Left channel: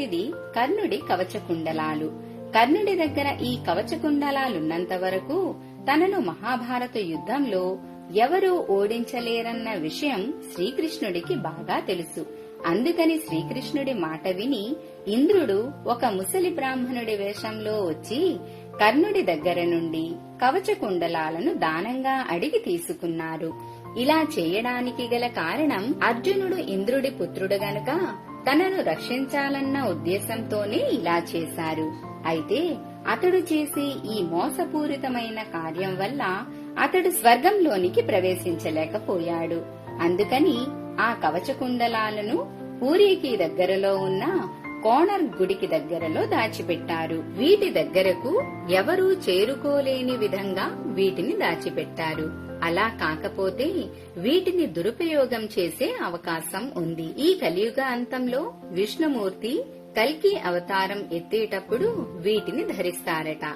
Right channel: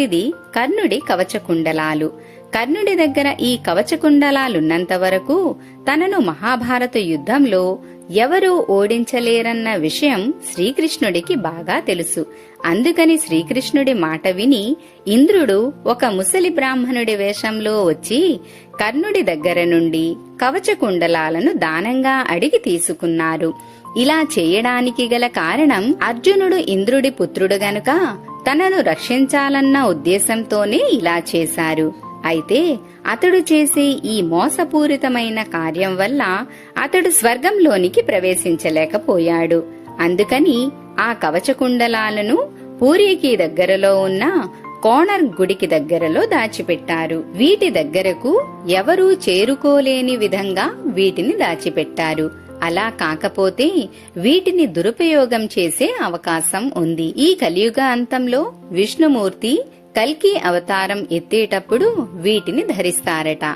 ఇది కర్ణుడి కవచకుండలాలు. కర్ణుడి దగ్గర ఈ కవచకుండలాలున్నంత వరకు తనను మహాభారత యుద్ధంలో ఎవరూ ఓడించలేరన్న విషయం శ్రీకృష్ణుడికి బాగా తెలుసు. అందుకని శ్రీకృష్ణుడి మాట విని ఇంద్రుడు ఒక ముసలి బ్రాహ్మణుడి వేషంలో వచ్చి కర్ణుడి దగ్గర నుండి కవచకుండలాలను దానంగా అడిగి తీసుకున్నారు. ఇలా చేయడానికి గల కారణం అర్జునుడు ఇంద్రుడి పుత్రుడు గనుక తనను రక్షించాలన్న ఉద్దేశంతోనే ఇలా చేశారు. అయితే అతడు చేసే ఈ మోసపూరితమైన కార్యం వల్ల అతడు స్వర్గంలోనికి ప్రవేశించలేకపోయాడు. అందుకని ఆ కవచకుండలాలను పూరికి దగ్గరలో ఉన్న కోణర్ గుడికి దగ్గరలో దాచిపెట్టారు. వీటి దగ్గరకు ఎవరూ చేరుకోలేని విధంగా వీటిని దాచిపెట్టారు. అలా కాకపోతే వీటిని దురుపయోగం చేసే అవకాశం ఉంది. ఈ కలియుగ అంతంలో విష్ణుమూర్తి కల్కి అవతారం ఎత్తేటప్పుడు వీటిని ధరిస్తారట.